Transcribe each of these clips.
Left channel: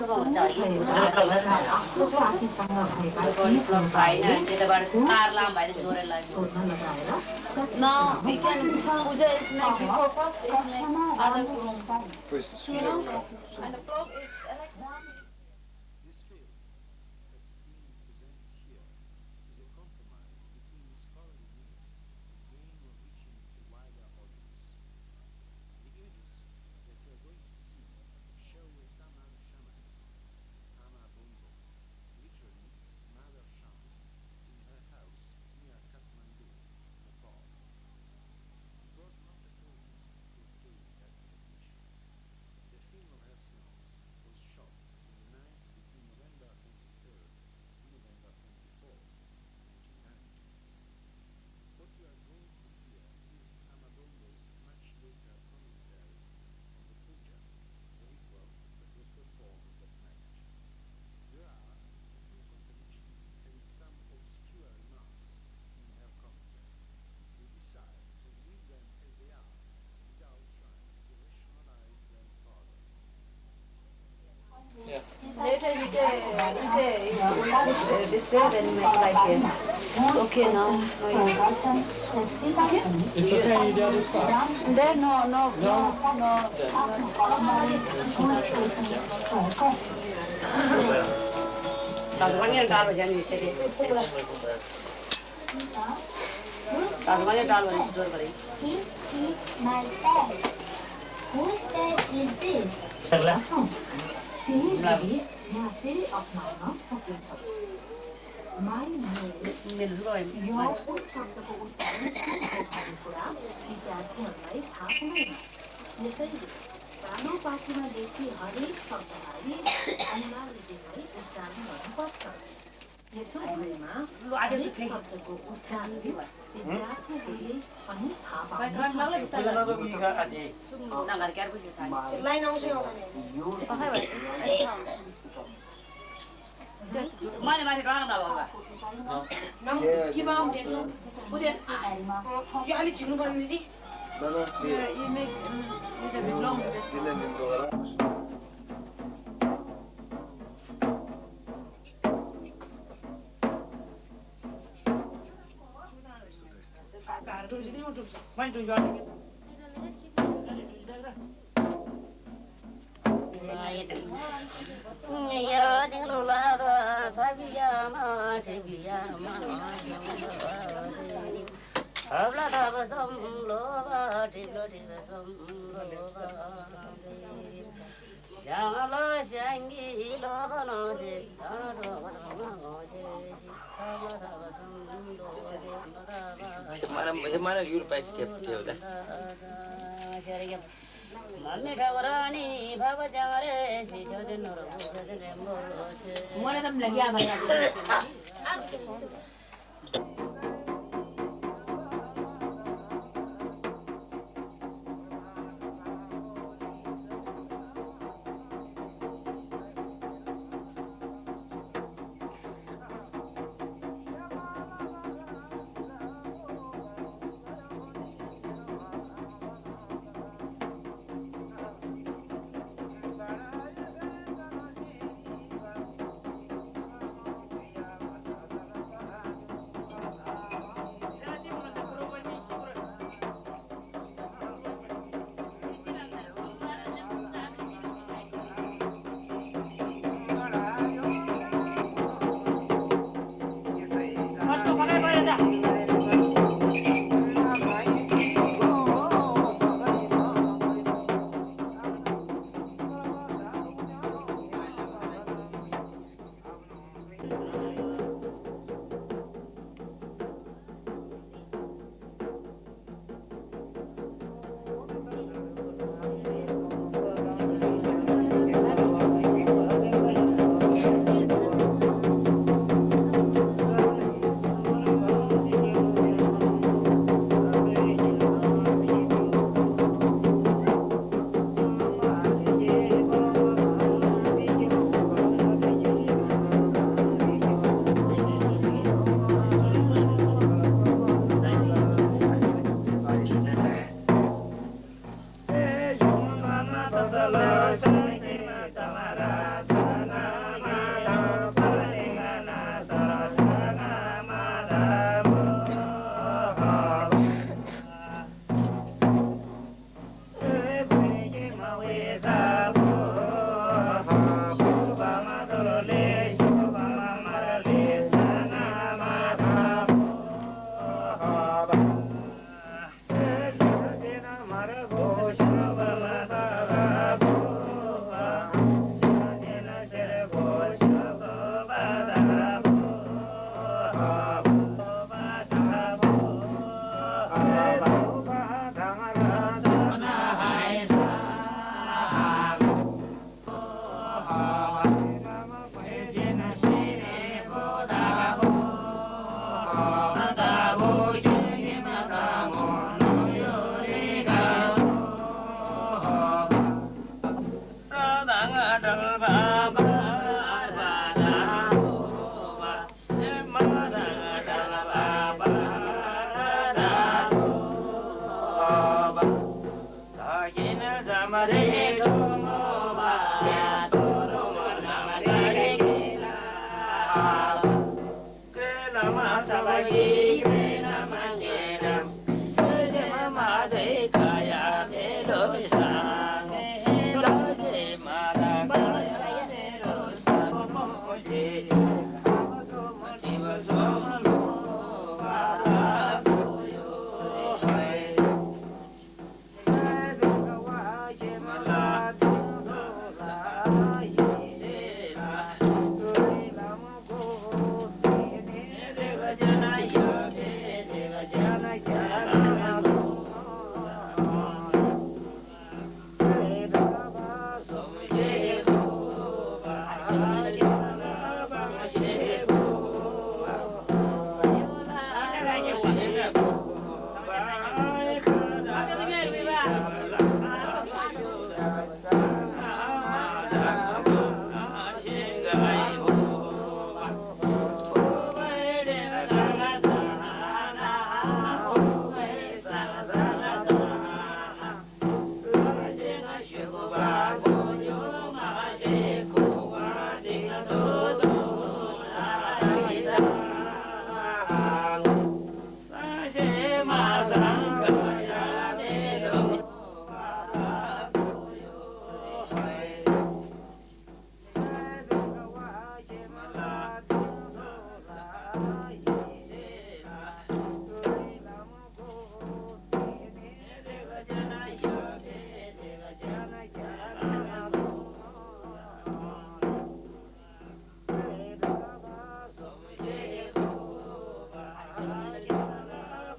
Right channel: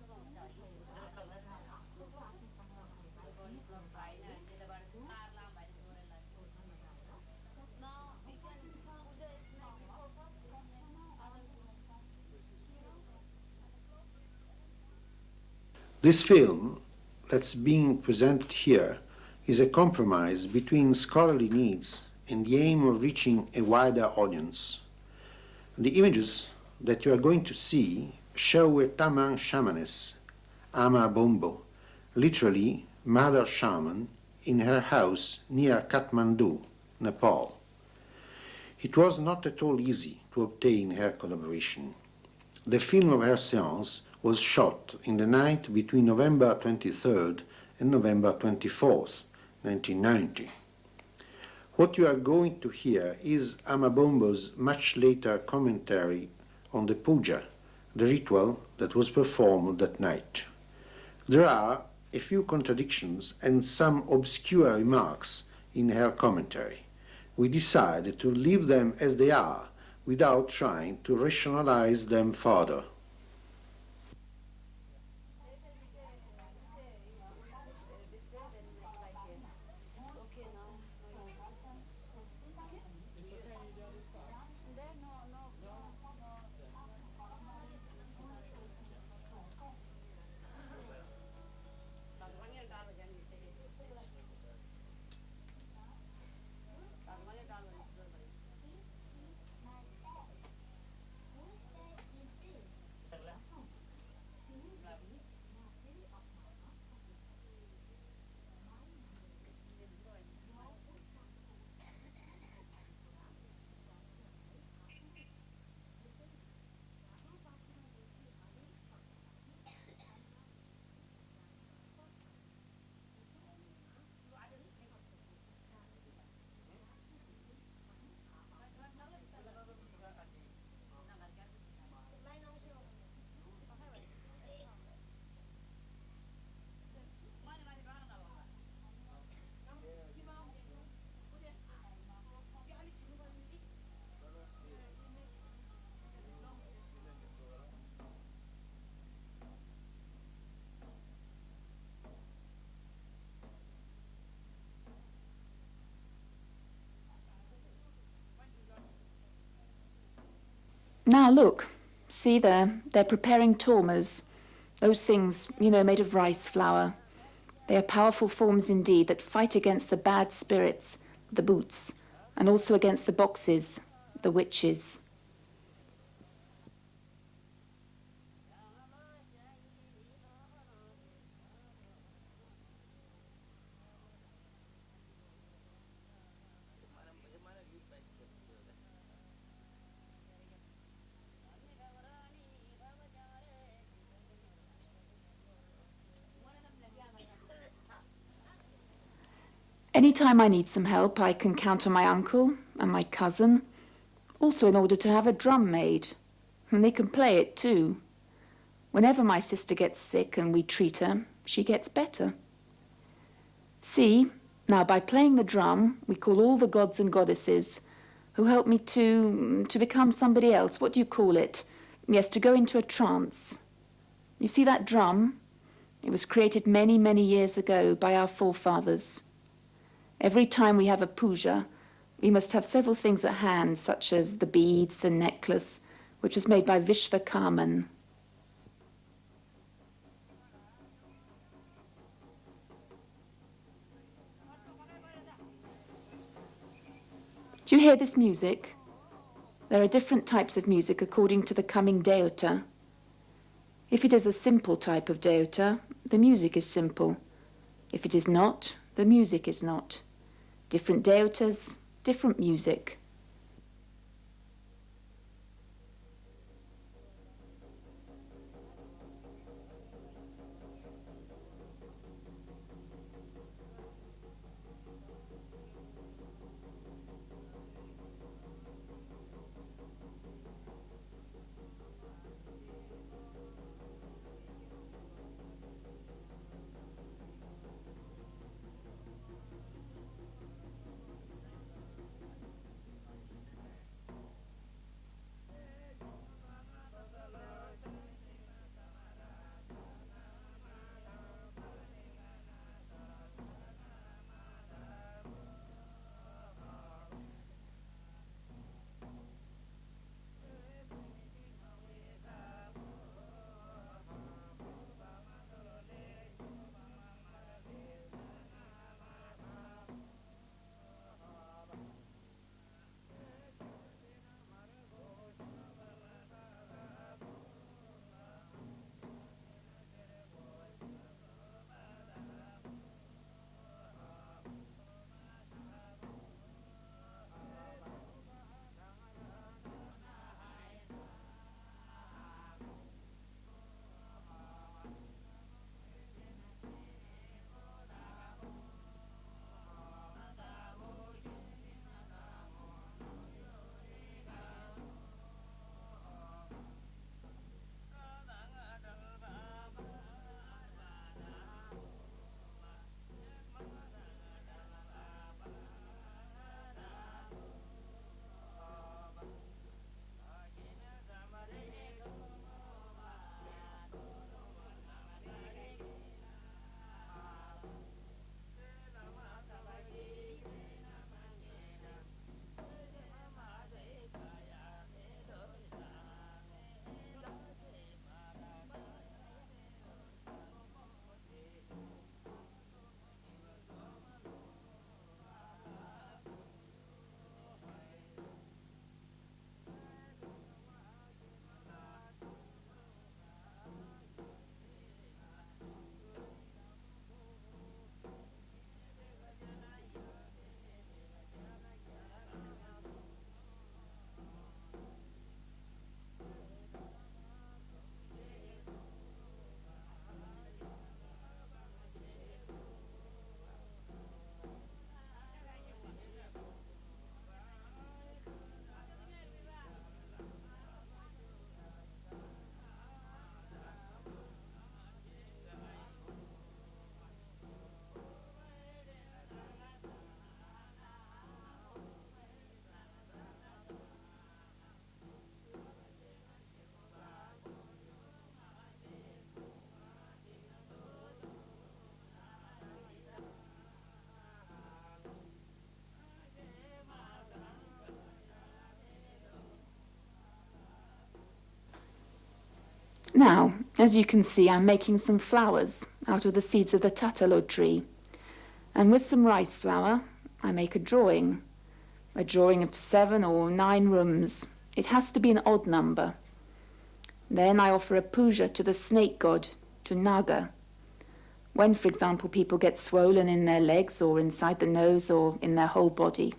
No, we can puja is like before first is like other guru. This film that's being presented here is a compromise between scholarly needs and the aim of reaching a wider audience. The images that you are going to see show a Tamang shamaness, AMA BOMBO, literally Mother Shaman, in her house near Kathmandu, Nepal. It was not at all easy to obtain her collaboration. The film of her séance was shot in the night between November 23rd and November 24th, 1990. What you are going to hear is AMA BOMBO's much later commentary on the puja, the ritual that was performed that night. There are a few contradictions and some obscure remarks in her commentary. We decided to leave them as they are without trying to rationalize them further. Later he said, this there, then make like it. It's okay now. No use. Okay? It's okay, you did it fine. There, no. Now look, see there, they're preparing tormas. Those things, made of rice flour. They are powerful forms indeed that fight against the bad spirits, the boots, and also against the boxes, the witches. Anytime I need some help, I can count on my uncle and my cousin, also in order to have a drum made. And they can play it too. Whenever my sister gets sick and we treat her, she gets better. See, now by playing the drum, we call all the gods and goddesses who help me to become somebody else. What do you call it? Yes, to go into a trance. You see that drum? It was created many, many years ago by our forefathers. Every time we have a puja, we must have several things at hand, such as the beads, the necklace, which was made by Vishvakarman. Do you hear this music? There are different types of music according to the coming deota. If it is a simple type of deota, the music is simple. If it is not, the music is not. Different deotas, different music. Now, as you can see, I'm making some flowers out of the seeds of the tatalo tree. And with some rice flour, I make a drawing of 7 or 9 rooms. It has to be an odd number. Then I offer a puja to the snake god, to Naga. When, for example, people get swollen in their legs or inside the nose or in their whole body.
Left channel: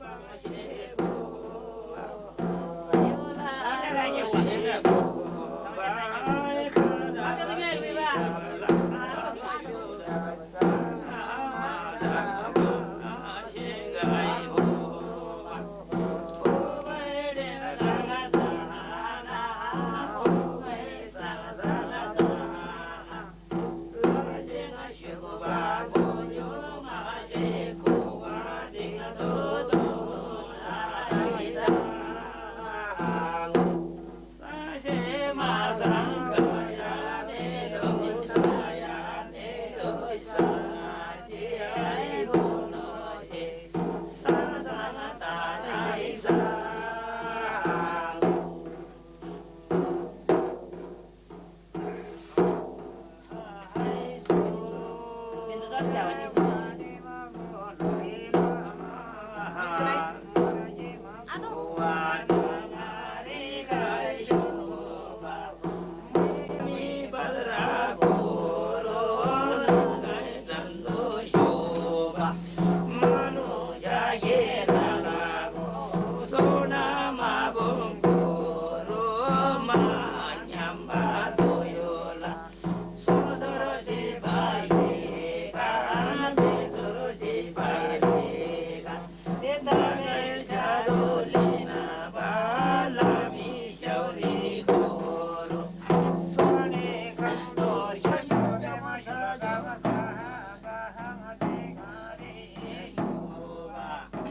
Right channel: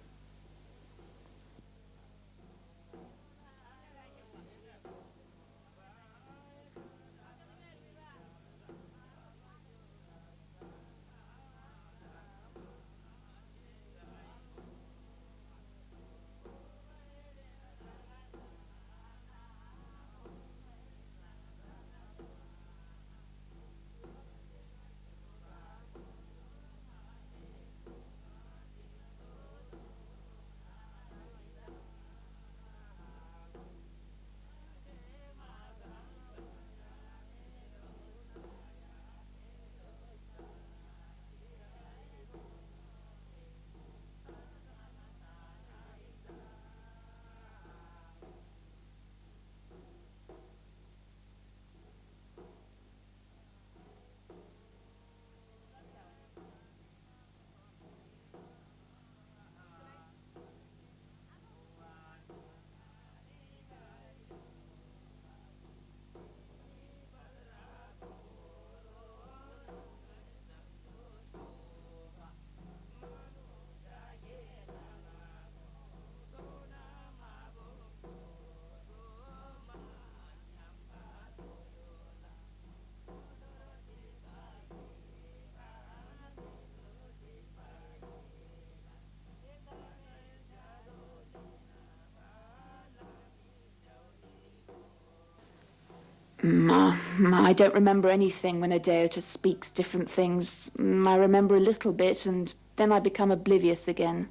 I don't remember anything when a deity speaks different things. I remember a little bit and then I become oblivious again.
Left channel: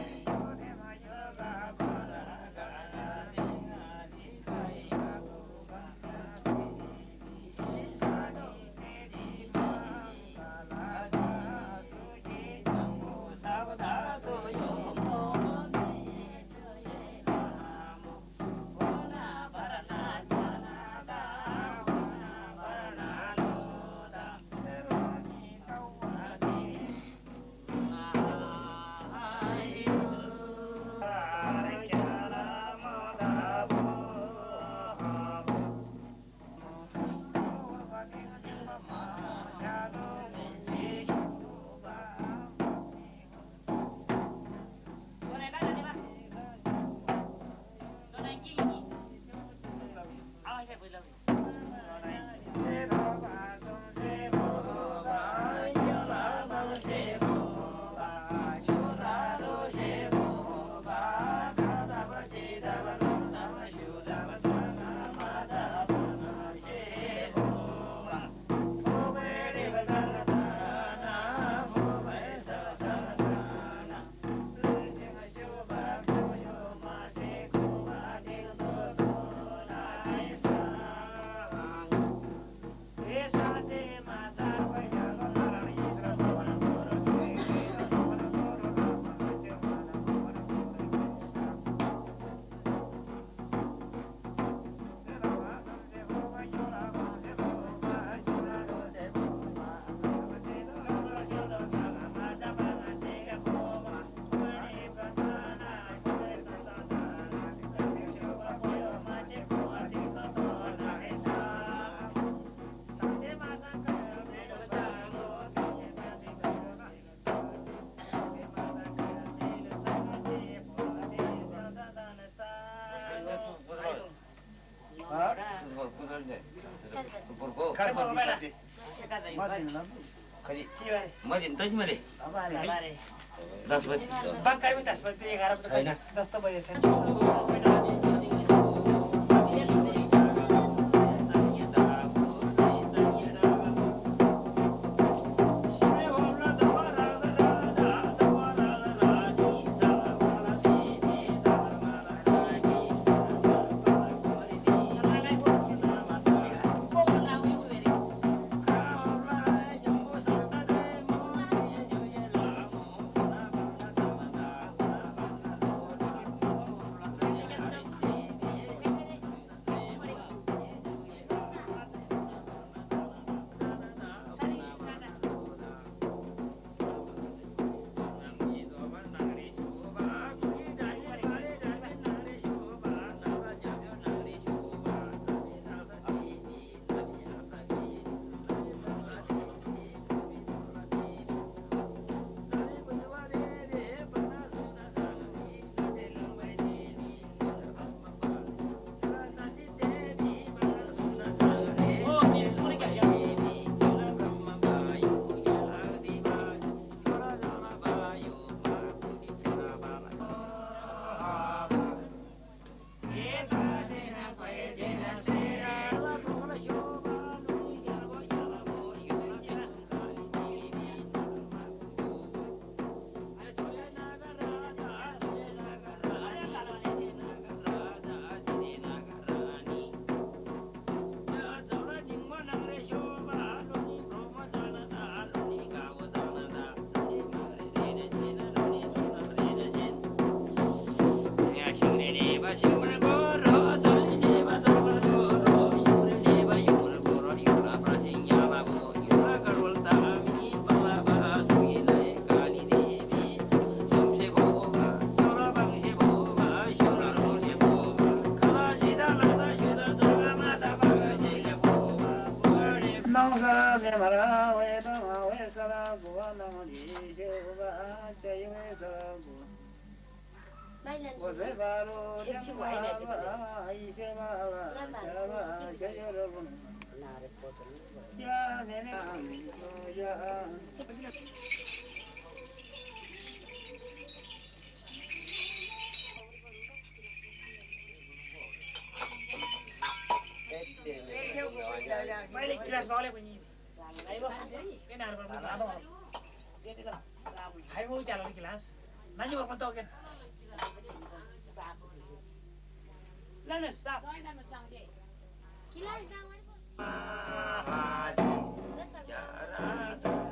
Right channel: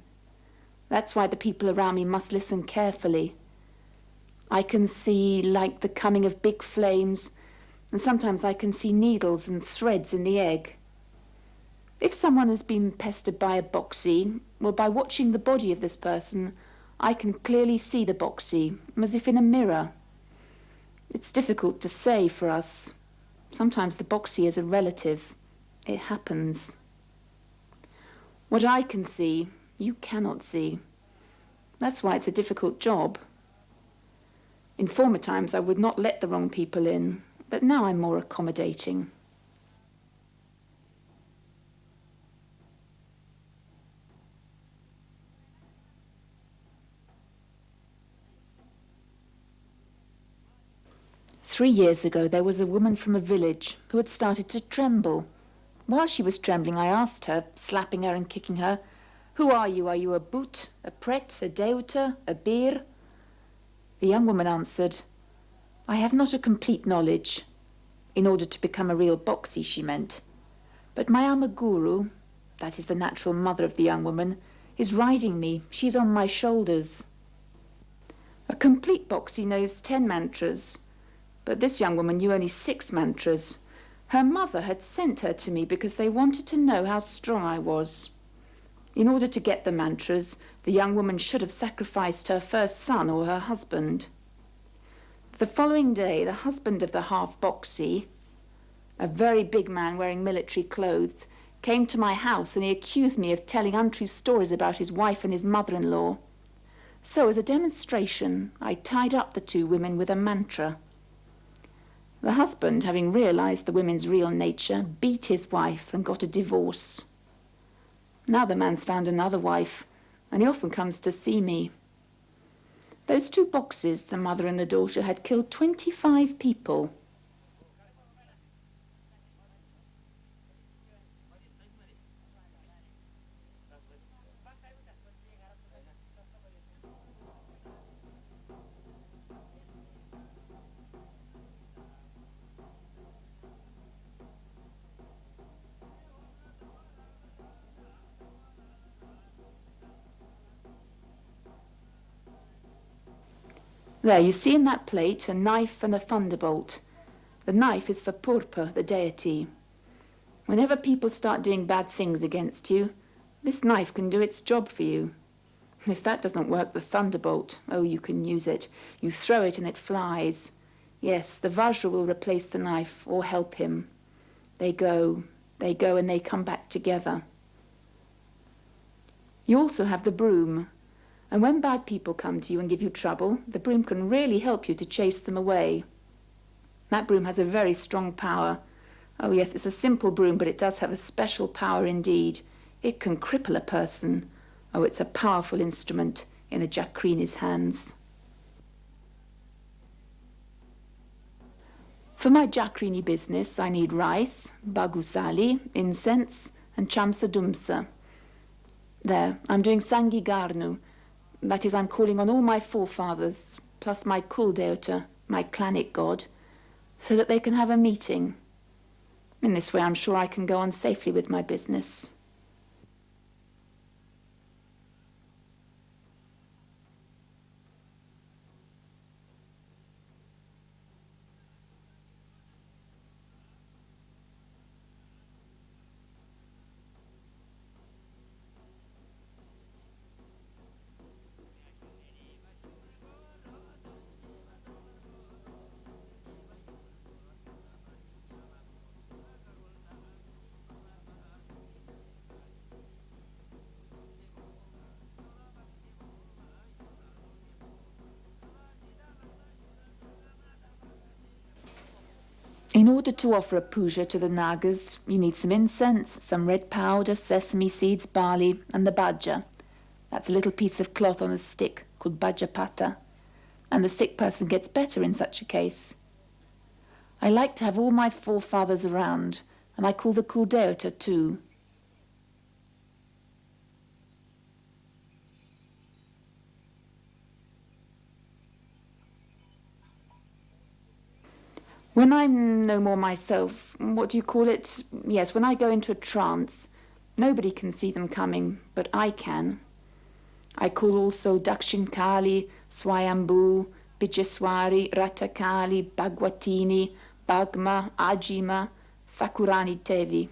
That's why the people around me must listen carefully. I can see like the coming of big flames, and sometimes I can see needles and threads in the egg. If someone has been pestered by a boxy, well, by watching the body of this person, I can clearly see the boxy, as if in a mirror. It's difficult to say for us. Sometimes the boxy is a relative. It happens. What I can see, you cannot see. That's why it's a difficult job. In former times, I would not let the wrong people in, but now I'm more accommodating. Three years ago, there was a woman from a village who had started to tremble. While she was trembling, I asked her, slapping her and kicking her, "Who are you? Are you a boot, a pret, a deuta, a beer?" The young woman answered, "I have not a complete knowledge." In order to become a real boxy, she meant. But my AMA guru, that is the natural mother of the young woman, is riding me. She's on my shoulders. A complete Boxy knows 10 mantras, but this young woman knew only 6 mantras. Her mother had sent her to me because they wanted to know how strong I was. In order to get the mantras, the young woman should have sacrificed her first son or her husband. The following day, the husband of the half-Boxy, a very big man wearing military clothes, came to my house and he accused me of telling untrue stories about his wife and his mother-in-law. So as a demonstration, I tied up the 2 women with a mantra. The husband, having realized the women's real nature, beat his wife and got a divorce. Now the man's found another wife, and he often comes to see me. Those 2 boxes, the mother and the daughter, had killed 25 people. There, you see in that plate a knife and a thunderbolt. The knife is for Purpa, the deity. Whenever people start doing bad things against you, this knife can do its job for you. If that doesn't work, the thunderbolt, oh, you can use it. You throw it and it flies. Yes, the Vajra will replace the knife or help him. They go and they come back together. You also have the broom. And when bad people come to you and give you trouble, the broom can really help you to chase them away. That broom has a very strong power. Oh yes, it's a simple broom, but it does have a special power indeed. It can cripple a person. Oh, it's a powerful instrument in a Jakrini's hands. For my Jakrini business, I need rice, bagusali, incense, and chamsa dumsa. There, I'm doing Sangi Garnu. That is, I'm calling on all my forefathers, plus my Kuldeuta, my clanic god, so that they can have a meeting. In this way, I'm sure I can go on safely with my business. In order to offer puja to the Nagas, you need some incense, some red powder, sesame seeds, barley, and the bhaja. That's a little piece of cloth on a stick called bhajapata. And the sick person gets better in such a case. I like to have all my forefathers around, and I call the Kuldeuta too. When I'm no more myself, what do you call it? Yes, when I go into a trance, nobody can see them coming, but I can. I call also Dakshin Kali, Swayambhu, Bijeswari, Ratakali, Bhagwatini, Bhagma, Ajima, Thakurani Devi.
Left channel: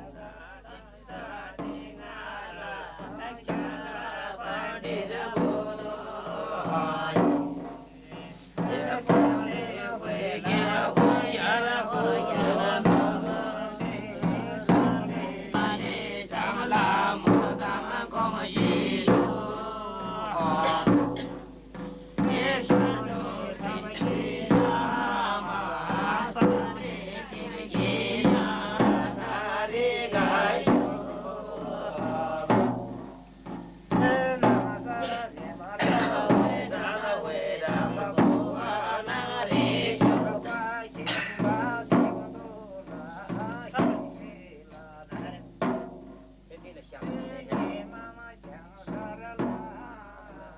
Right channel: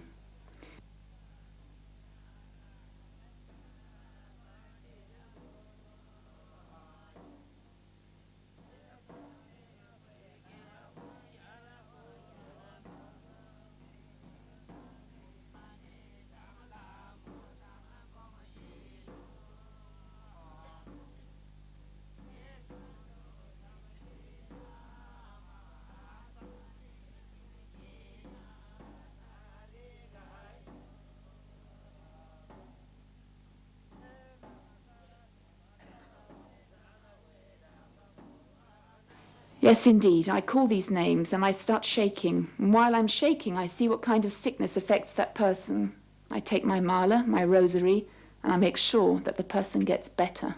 Yes, indeed. I call these names and I start shaking. And while I'm shaking, I see what kind of sickness affects that person. I take my mala, my rosary, and I make sure that the person gets better.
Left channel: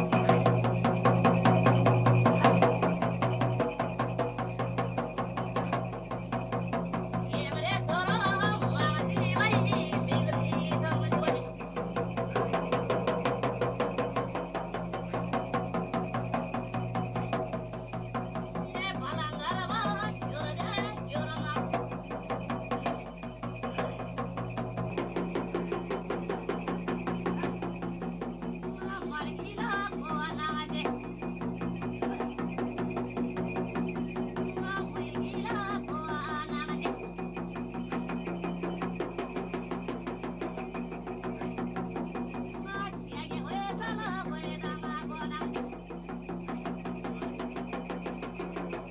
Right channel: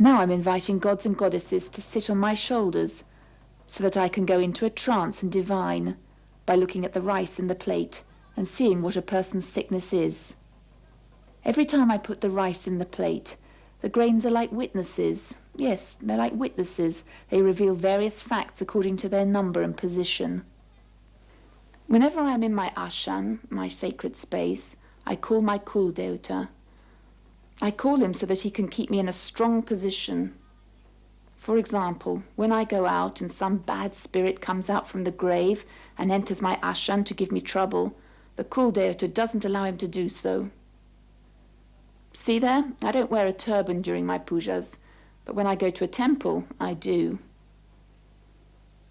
Now I'm inviting gods and goddesses to sit on my shoulders so that I can go into a trance and divine by looking at the rice in the plate and seeing what a person's sickness is. Every time I put the rice in the plate, the grains are like witnesses. Yes, they're like witnesses. They reveal various facts according to their number and position. Whenever I am in my ashan, my sacred space, I call my Kul Devata. I call him so that he can keep me in a strong position. For example, when I go out and some bad spirit comes out from the grave and enters my ashan to give me trouble, the Kul Devata doesn't allow him to do so. See there? I don't wear a turban during my pujas, but when I go to a temple, I do.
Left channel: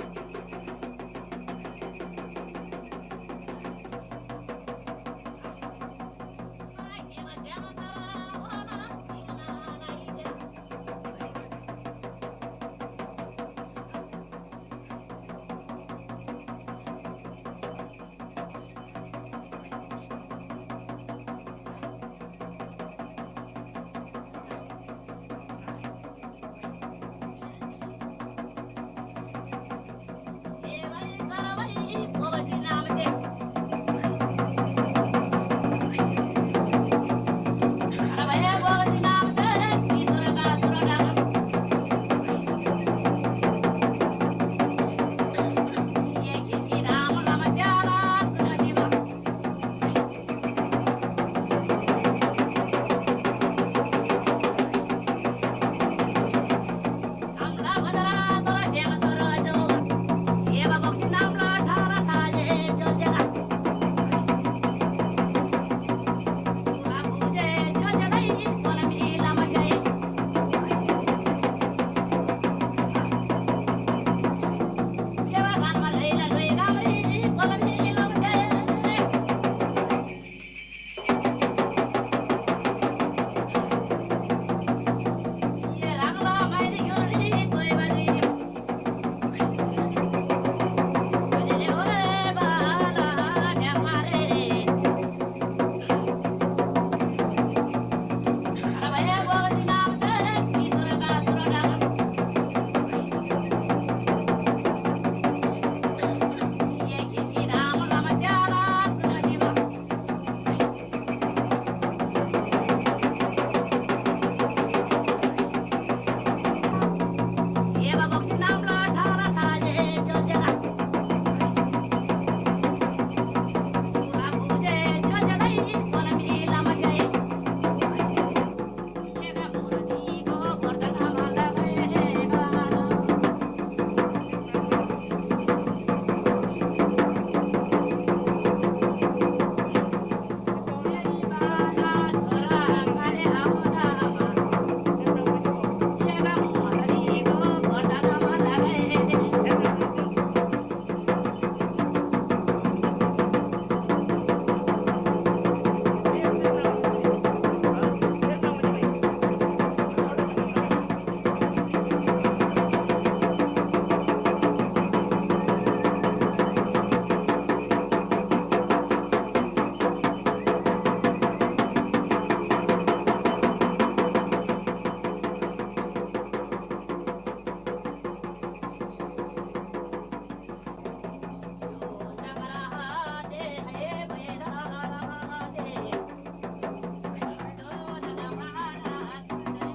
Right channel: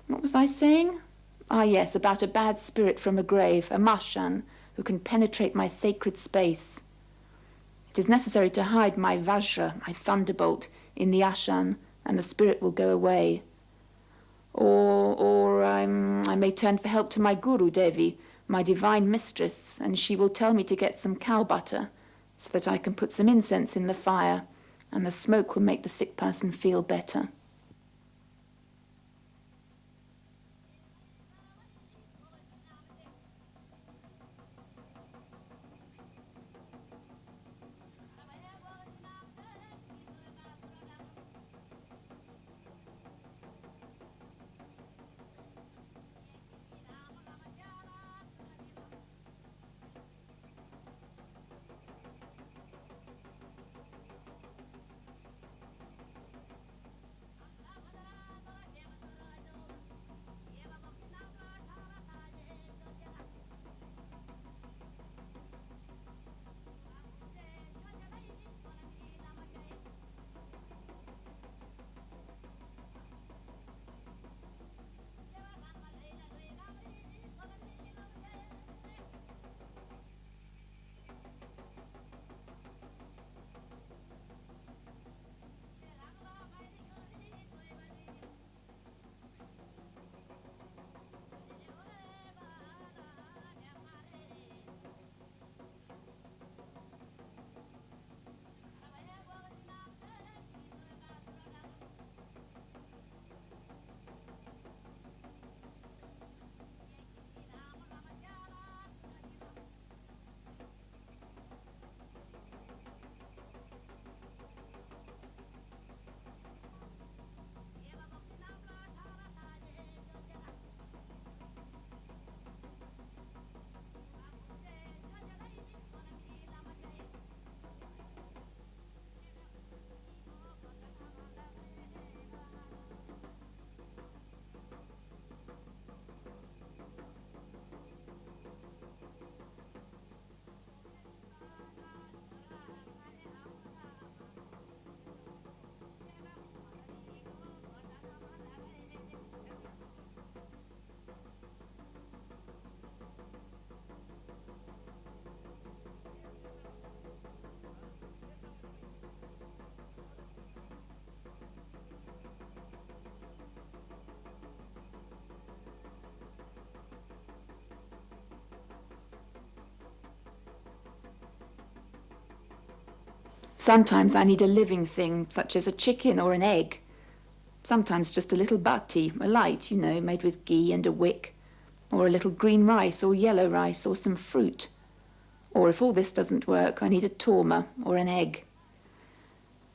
What was I saying? Ah yes, about a bad spirit from a grave, a mashan, who can penetrate my sacred space. It is necessary to hide my vajra, my thunderbolt, in the ashan, and the spirit will go away. Or I may turn for help to my Guru Devi, my divine mistress, and she will tell me to get some cow butter, so that I can put some incense in the fire, and the smoke will make the sick person feel better. Sometimes I need a living thing, such as a chicken or an egg. Sometimes just a little bhatti, a light, made with ghee and a wick. Or a little green rice or yellow rice or some fruit. Or if all this doesn't work, I need a torma or an egg.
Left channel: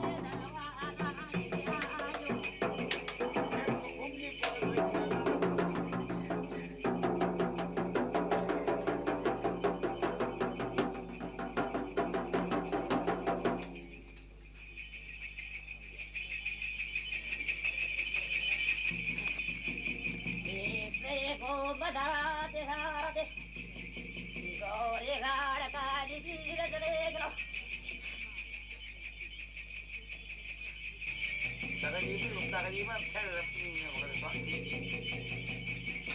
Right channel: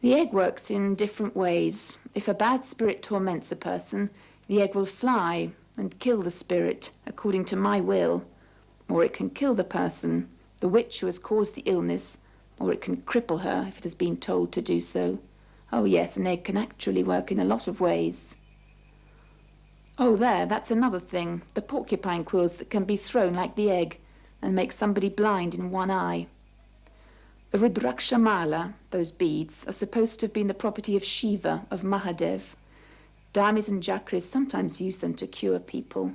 The egg works in different ways. If a bad spirit torments a person, the egg will fly and kill the spirit according to my will. Or it can kill the person, the witch who has caused the illness, or it can cripple her if it has been told to do so. Oh yes, an egg can actually work in a lot of ways. Oh there, that's another thing, the porcupine quills that can be thrown like the egg and make somebody blind in one eye. The Rudraksha mala, those beads, are supposed to have been the property of Shiva, of Mahadev. Dharmis and Jakris sometimes use them to cure people.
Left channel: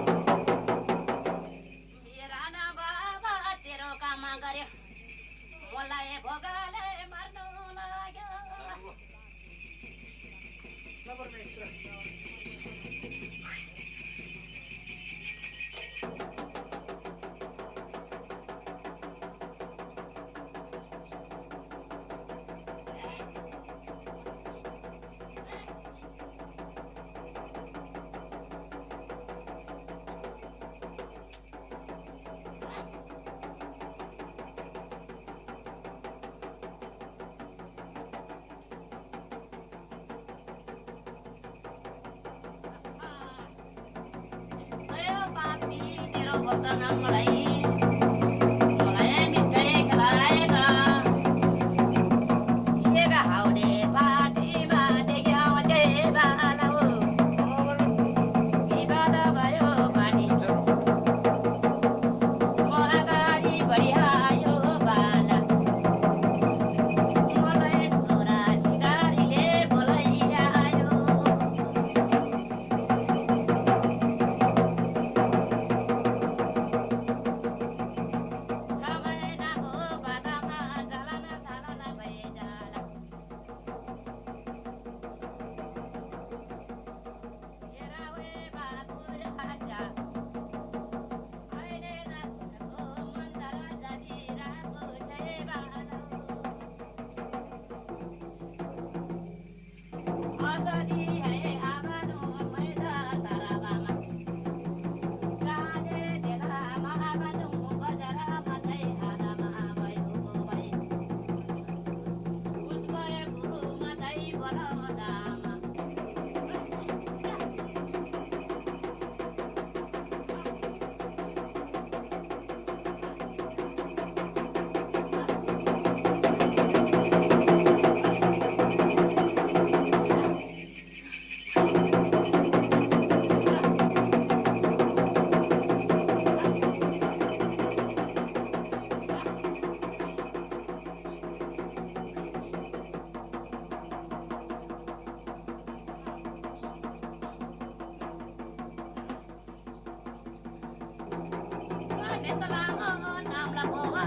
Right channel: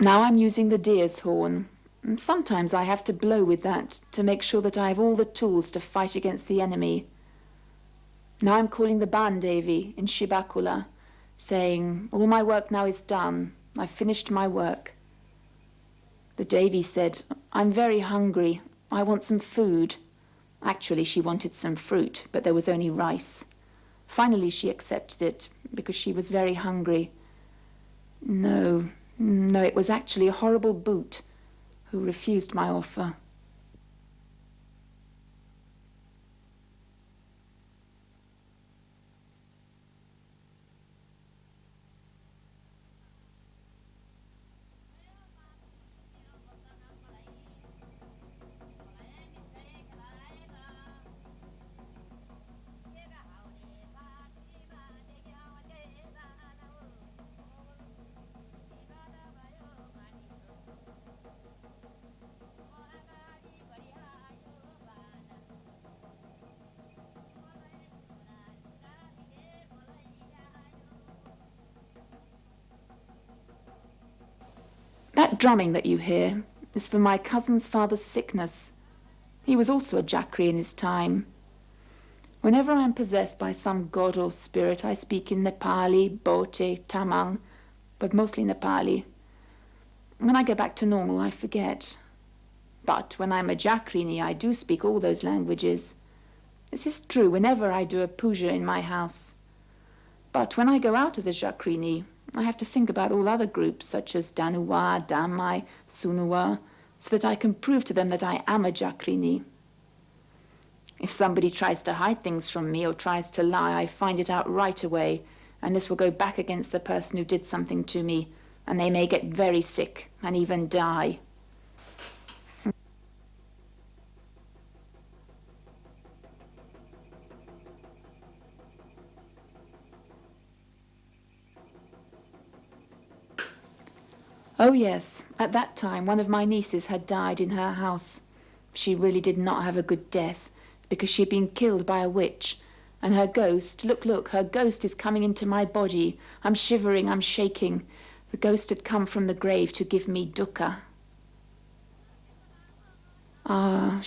Now I'm using the deer's horn. And sometimes I have to blow with that to make sure that I have all the tools to fight against the enemy. Now I'm calling the Bandevi in Shibakula, saying, all my work now is done. I've finished my work. The Devi said, I'm very hungry. I want some food. Actually, she wanted some fruit, but there was only rice. Finally, she accepted it because she was very hungry. No, it was actually a horrible boot who refused my offer. Drumming that you hear is for my cousin's father's sickness. He was also a Jakri in his time. Whenever I am possessed by some god or spirit, I speak in Nepali, Bote, Tamang, but mostly Nepali. When I go back to normal, I forget. But when I'm a Jakrini, I do speak all those languages. This is true whenever I do a puja in my house. But when I go out as a Jakrini, I have to think about all other groups, such as Danuwa, Damai, Sunuwa, so that I can prove to them that I am a Jakrini. If somebody tries to hide things from me or tries to lie, I find it out right away, and this will go back against the person who did something to me, and they may get very sick and even die. Oh yes, at that time one of my nieces had died in her house. She really did not have a good death because she'd been killed by a witch. And her ghost, look, her ghost is coming into my body. I'm shivering, I'm shaking. The ghost had come from the grave to give me dukkha.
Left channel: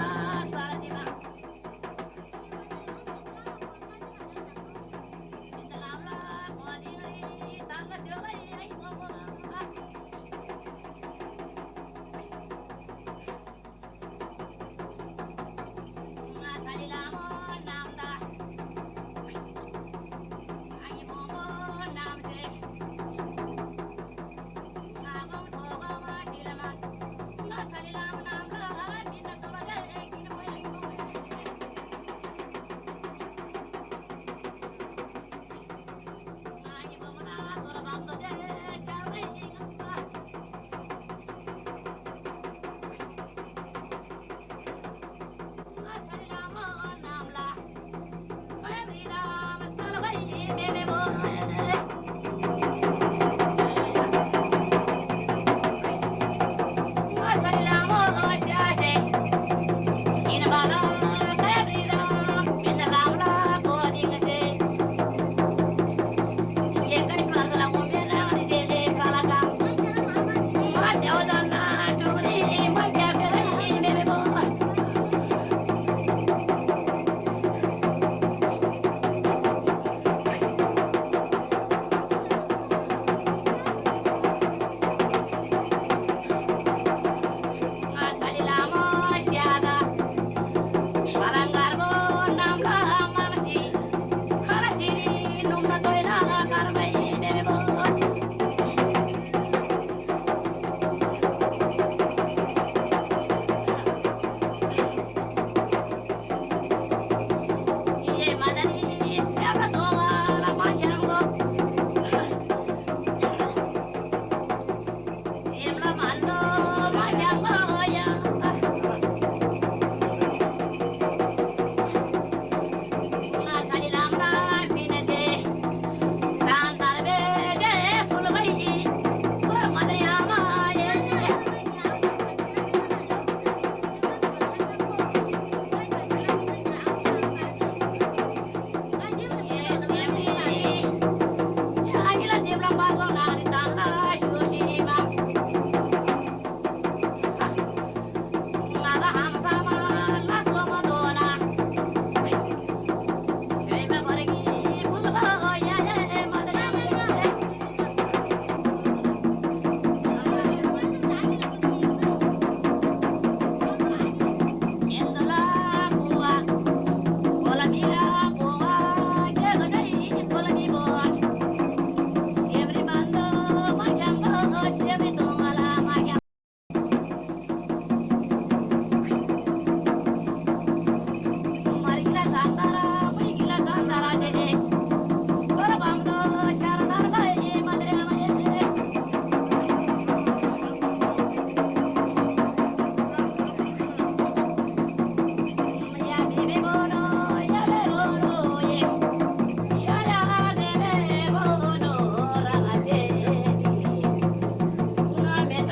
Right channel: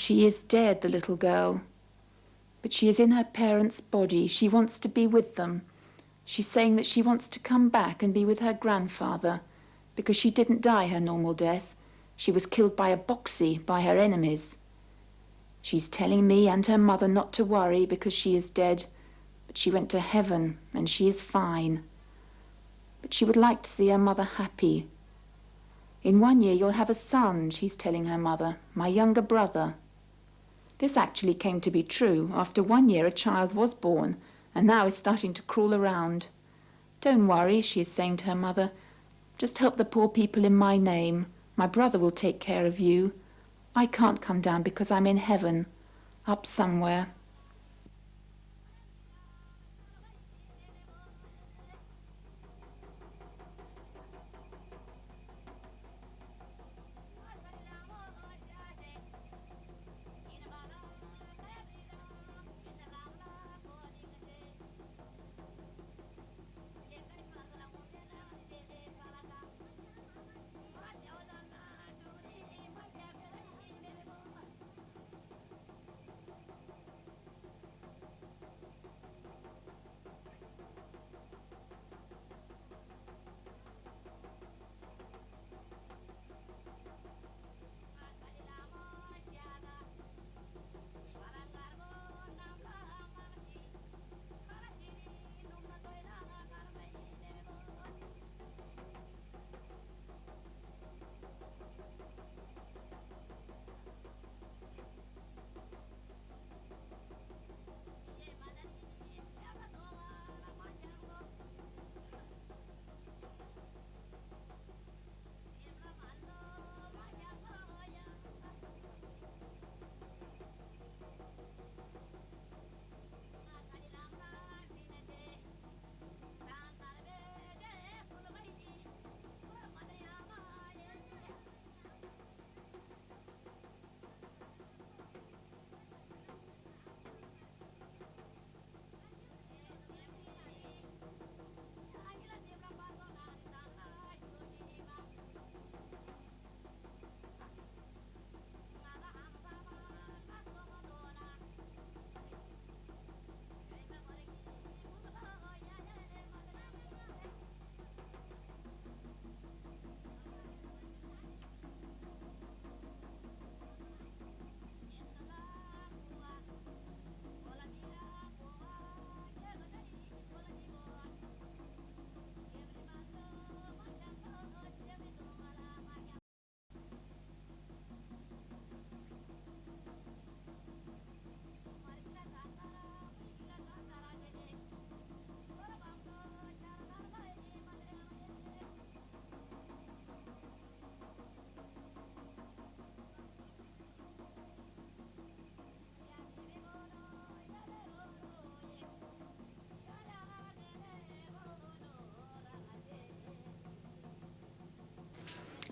She is dead, the little girl. But she is in her parents' body. She wants to be with them. She's saying that she wants to come back and be with her grandfather, because she didn't die her normal death. She was killed by a boxy, by her enemies. She's telling me and her mother not to worry because she is dead. But she went to heaven and she is fine. But she would like to see her mother happy. In 1 year you'll have a son, she's telling her mother, my younger brother. This actually came to be true. After 1 year a child was born and now is starting to crawl around. Don't worry, she is saying to her mother. Just help the poor people in my name. My brother will take care of you. I can't come down because I'm in heaven, up somewhere.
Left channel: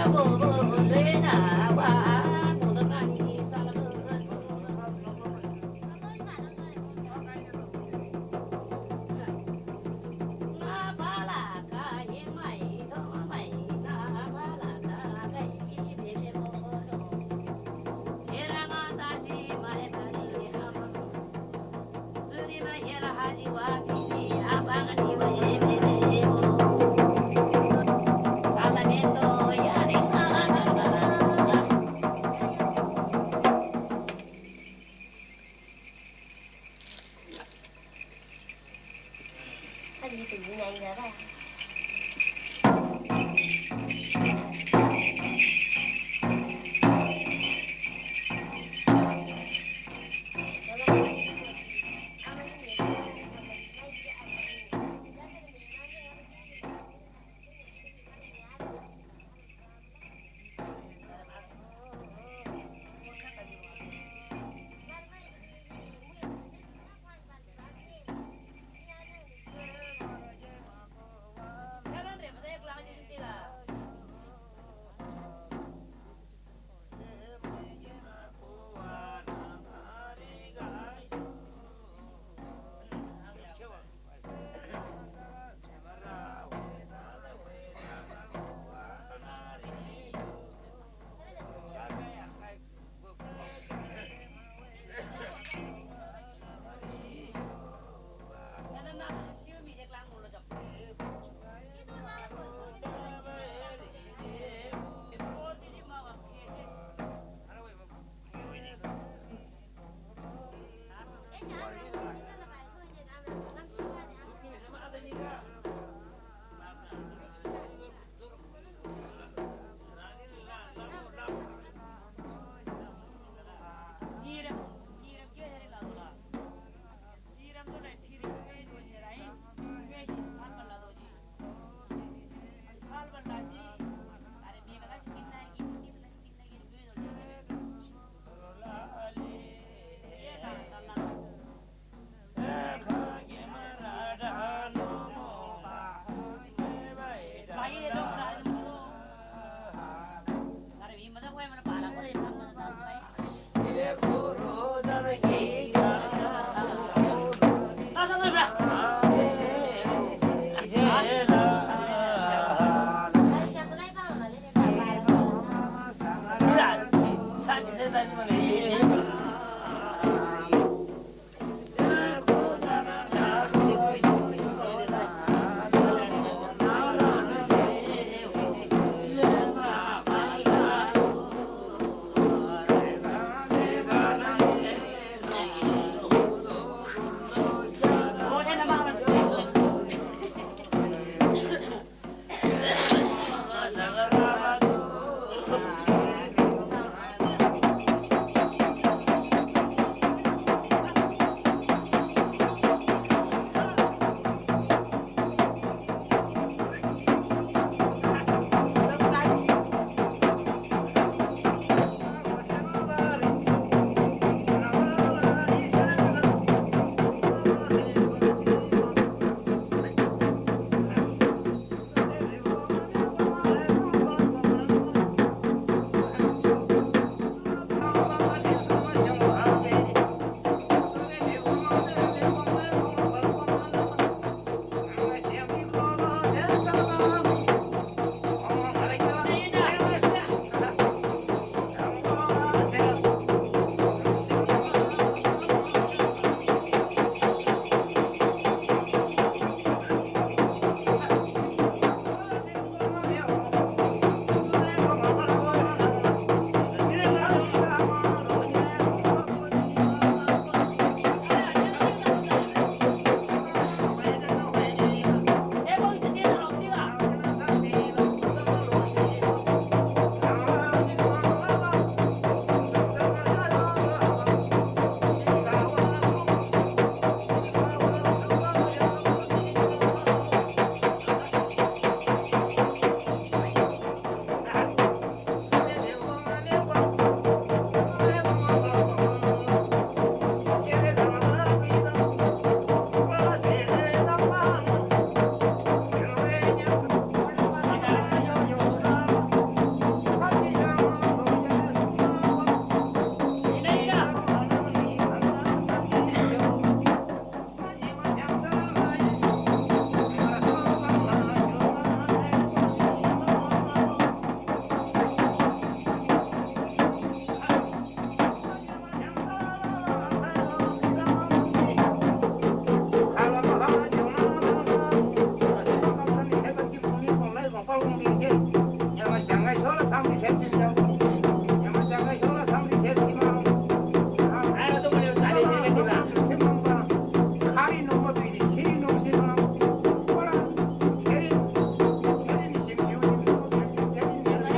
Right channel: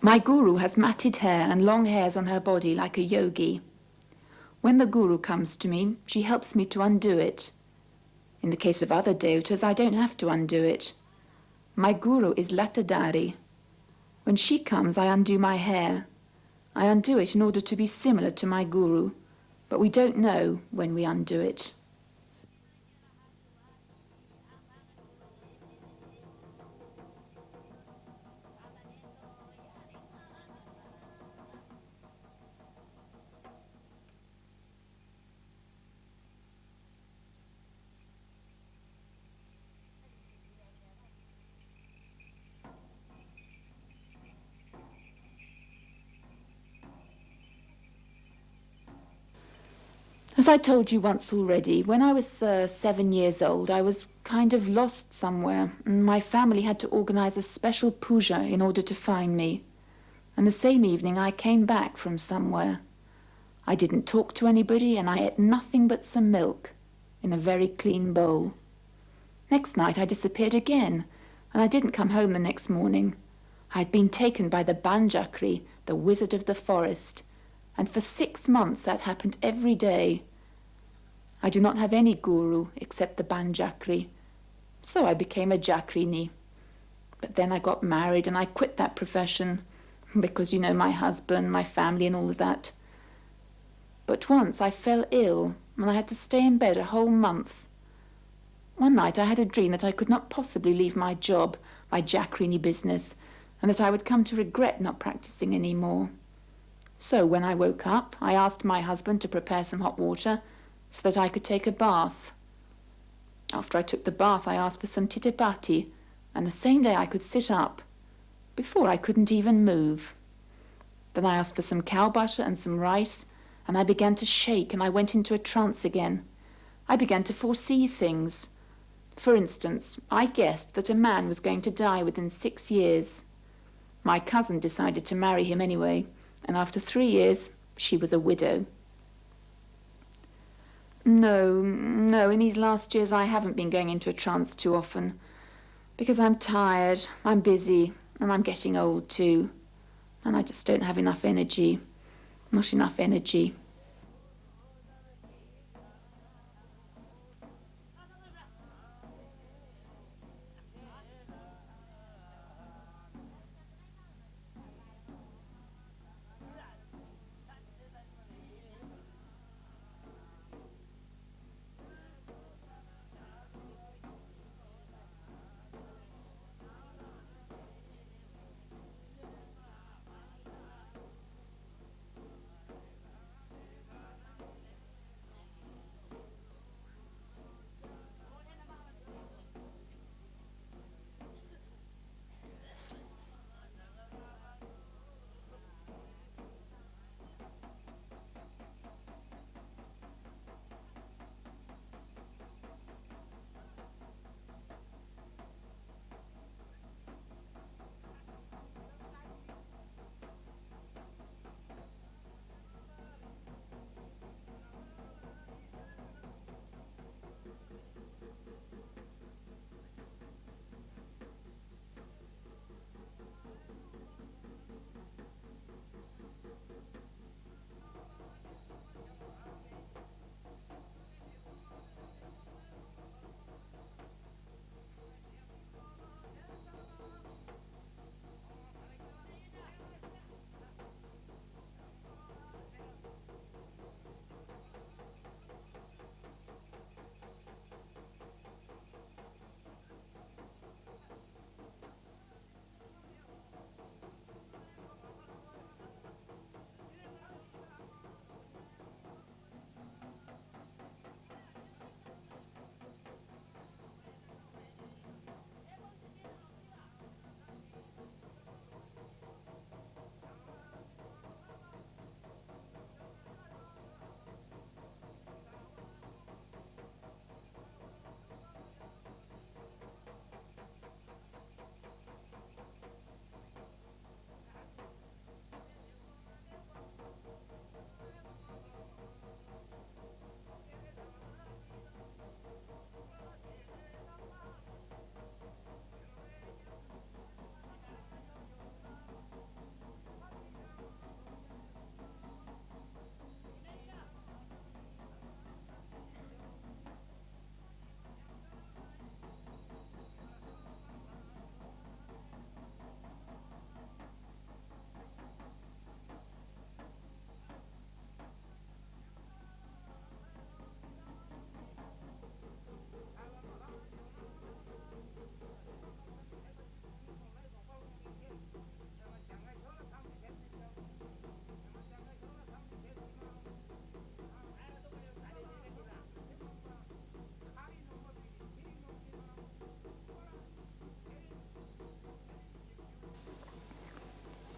My guru has matted hair and long hairs on her body like a yogi. When the guru comes to me, she helps me to undo it. In the case of other devatas, I don't have to undo it. My guru is Latadari. When she comes, I undo my hair. I undo it in order to be similar to my guru, but we don't know when we undo it. As I told you once already, when I was 7 years old, I was kind of lost somewhere. My family had to organize a special puja in order to find me. And the same evening, I came back from somewhere. I didn't talk to anybody, and I ate nothing but some milk in a very clean bowl. Next night, I disappeared again, and I didn't come home the next morning. I'd been taken by the Banjakri, the wizard of the forest, and for 6 months that happened every day. I do not have any guru except the Banjakri, so I became a Jakrini. But then I got married and I quit that profession because, you know, my husband, my family and all of that. But once I fell ill and I had to stay in bed a whole month. One night I had a dream that I could not possibly leave my job, my Jakrini business, and that I would come to regret not practicing anymore. So when I woke up, I asked my husband to prepare some hot water so that I could take a bath. After I took the bath, I asked for some titipati, and the same day I could sit up. Before I couldn't even move. Then I asked for some cow butter and some rice, and I began to shake and I went into a trance again. I began to foresee things. For instance, I guessed that a man was going to die within 6 years. My cousin decided to marry him anyway, and after 3 years, she was a widow. No, in these last years I haven't been going into a trance too often. Because I'm tired, I'm busy, and I'm getting old too. And I just don't have enough energy. Not enough energy.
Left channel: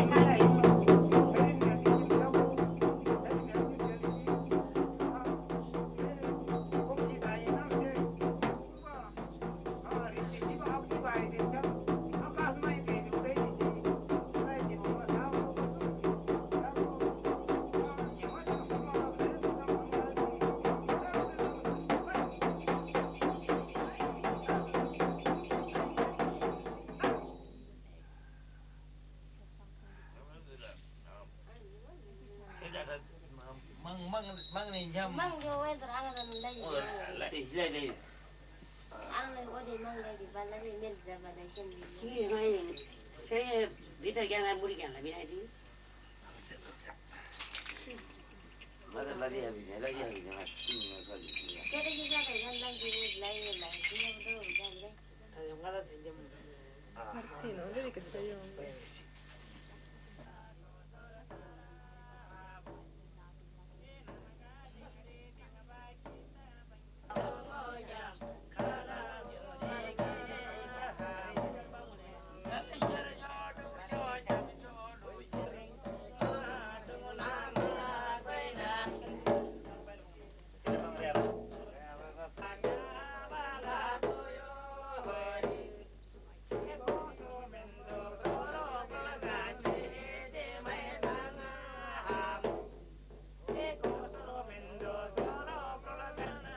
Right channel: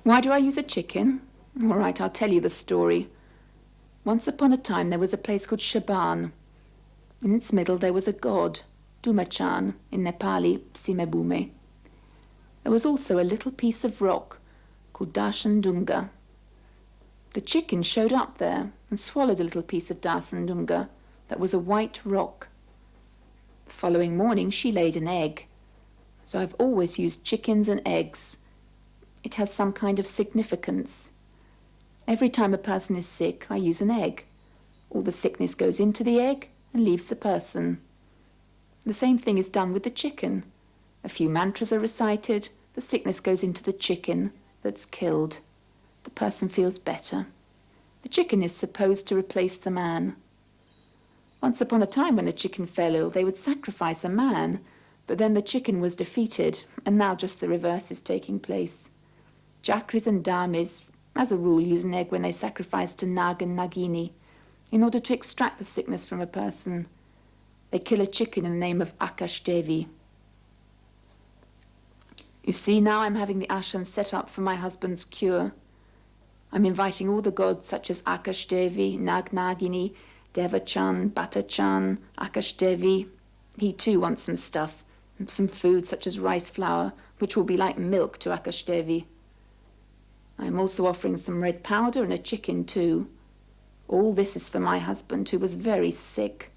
Why do I use a chicken? All right, I'll tell you the story. Once upon a time, there was a place called Shaman. In its middle, there was a god, Dumachan, in Nepali, Simebume. There was also a little piece of rock called Dashandunga. The chicken showed up there and swallowed a little piece of Dashandunga that was a white rock. The following morning, she laid an egg. So I've always used chickens and eggs. It has some kind of significance. Every time a person is sick, I use an egg. All the sickness goes into the egg and leaves the person. The same thing is done with the chicken. A few mantras are recited, the sickness goes into the chicken that's killed. The person feels better. The chicken is supposed to replace the man. Once upon a time when the chicken fell ill, they would sacrifice a man, but then the chicken was defeated, and now just the reverse is taking place. Chakris and dhammis as a rule, use an egg when they sacrifice to Nag and Nagini in order to extract the sickness from a person. They kill a chicken in the name of Akash Devi. You see, now I'm having the ashram set up for my husband's cure. I'm inviting all the gods such as Akash Devi, Nag Nagini, Deva-chan, Bata-chan, Akash Devi. He too wants some stuff, some food such as rice flour, which will be like milk to Akash Devi. I'm also offering some red powder and a chicken too. All this is for my husband, who was very sick.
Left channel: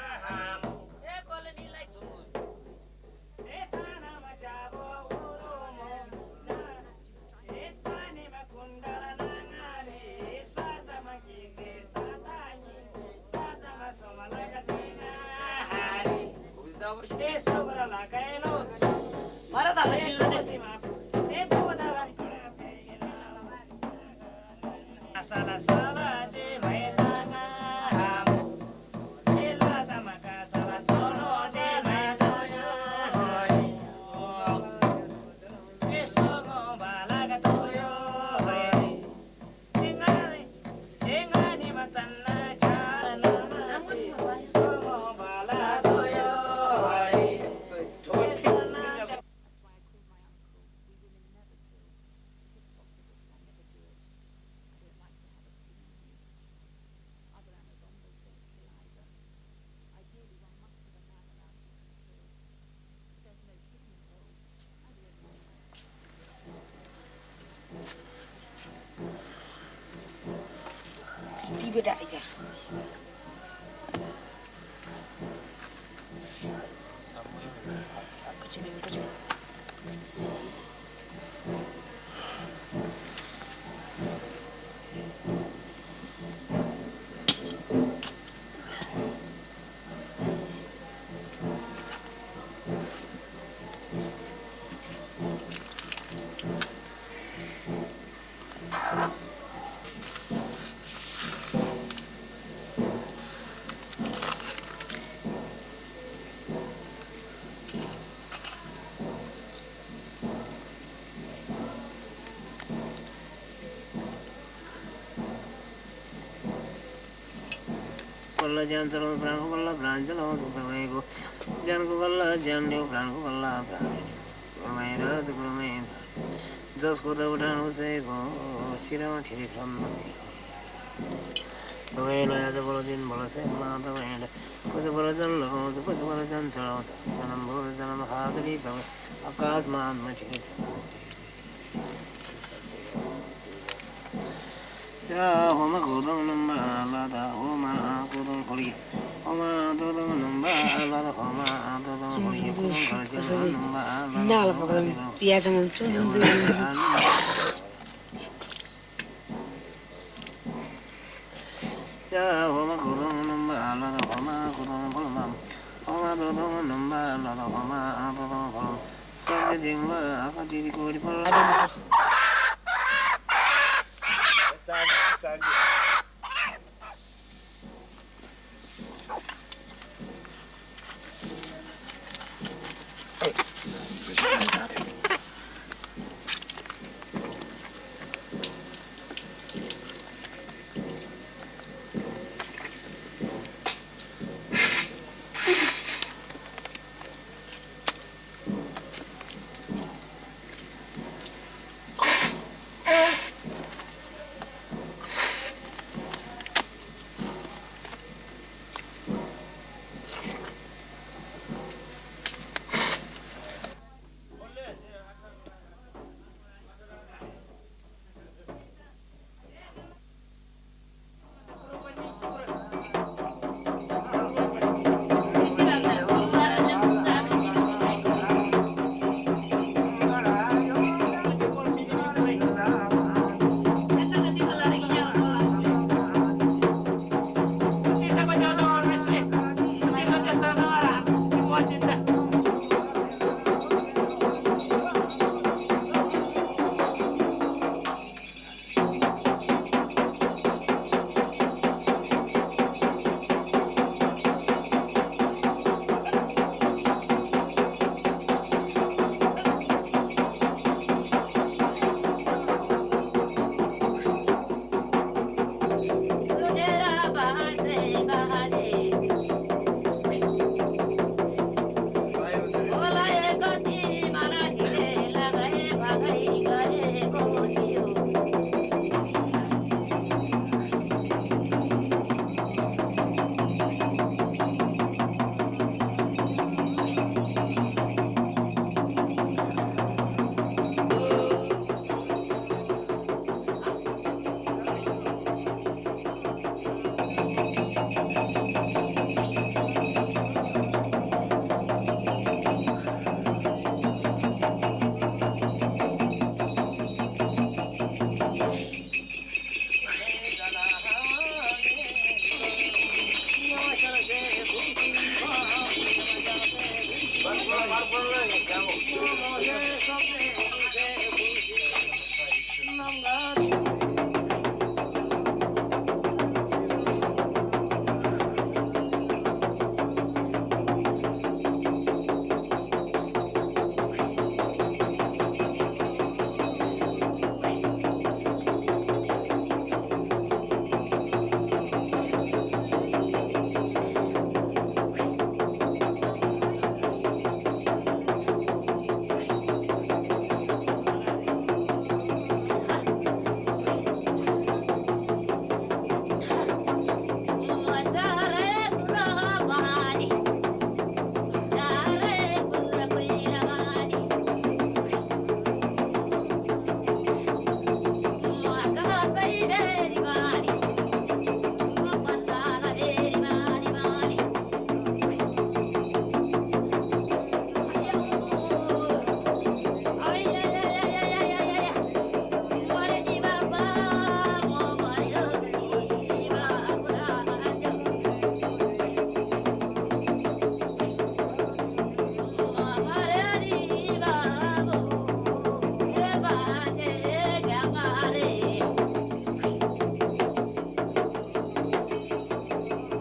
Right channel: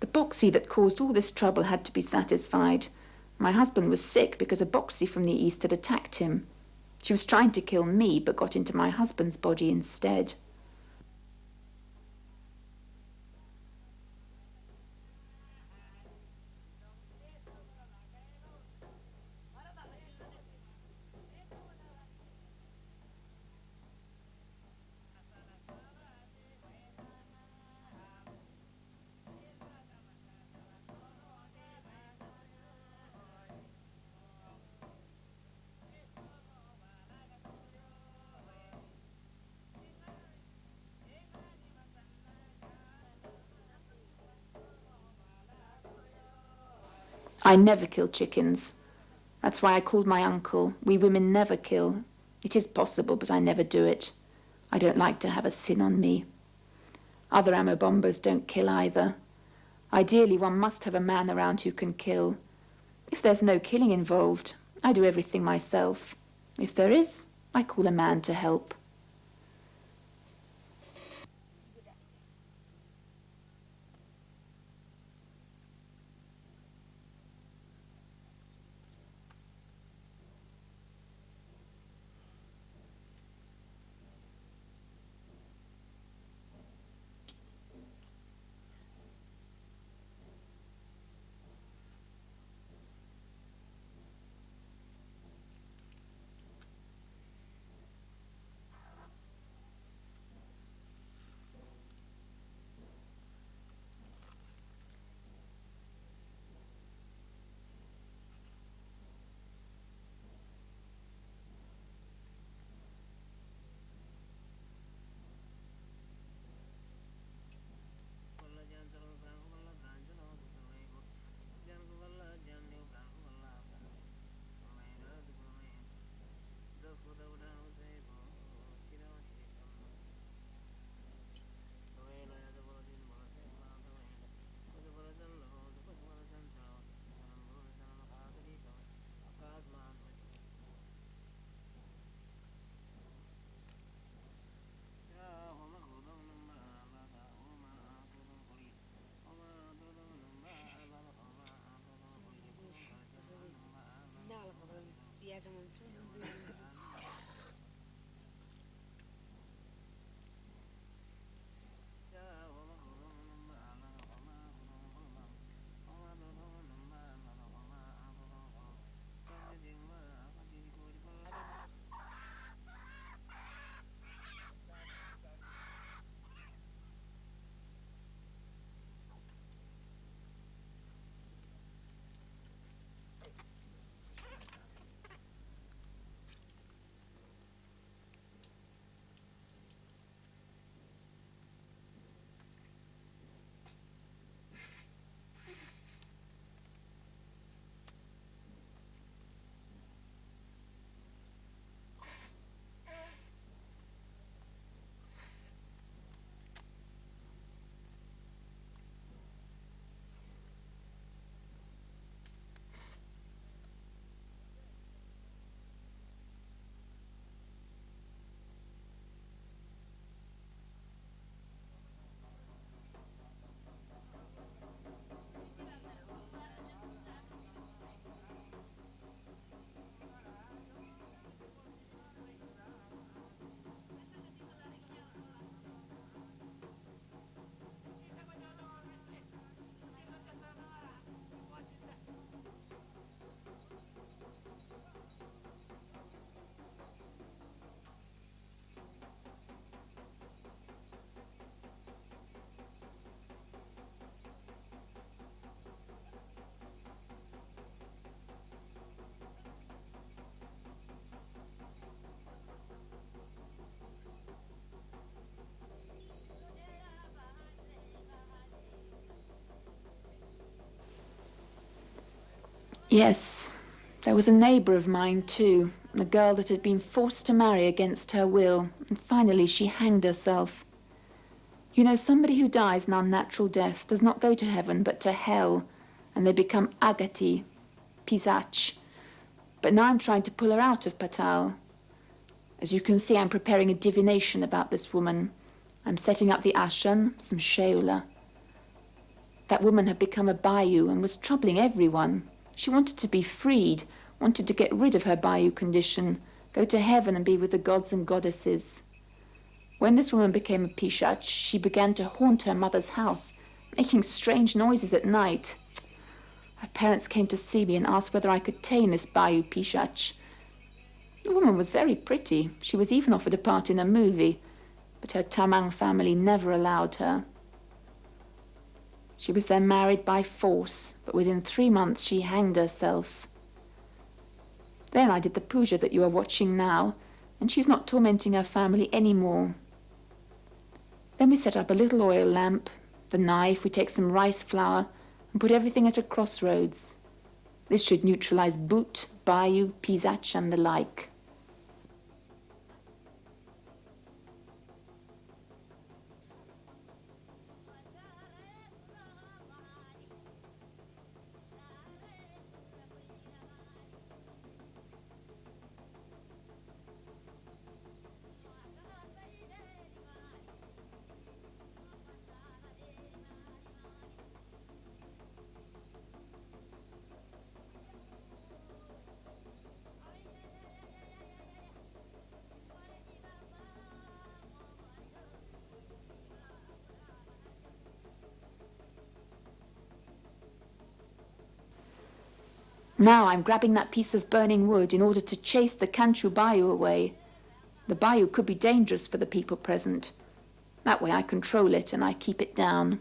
The boxy that caused all this trouble had to be satisfied. My husband was sick because a boxy from the east had attacked him. She was trying to kill me, but got into my husband's body instead. I never kill chickens. That's why I called my uncle. We women never kill. It is possible, but I never do it. I don't like to have a sin on me. Other AMA bombos don't kill either. Ideally, one must have a man around who can kill. If there's no killing involved, I do everything myself. If there is, I call a man to help. Yes, there was a neighbour of mine too, the girl that had been forced to marry against her will, and finally she hanged herself. You know, somebody who dies an unnatural death does not go to heaven but to hell, and they become agati, pisach. But now I'm trying to pull her out of Patal. As you can see, I'm preparing a divination about this woman. I'm setting up the ashram, some sheola. That woman had become a bayou and was troubling everyone. She wanted to be freed, wanted to get rid of her bayou condition, go to heaven and be with the gods and goddesses. When this woman became a pisach, she began to haunt her mother's house, making strange noises at night. My parents came to see me and asked whether I could tame this bayou pisach. The woman was very pretty. She was even offered a part in a movie, but her Tamang family never allowed her. She was then married by force. Within 3 months, she hanged herself. Then I did the puja that you are watching now, and she's not tormenting her family anymore. Then we set up a little oil lamp, a knife, we take some rice flour, and put everything at a crossroads. This should neutralize Bhut, Bayou, Pisach, and the like. Now I'm grabbing that piece of burning wood in order to chase the Kanchu Bayou away. The bayou could be dangerous for the people present. That way I control it and I keep it down.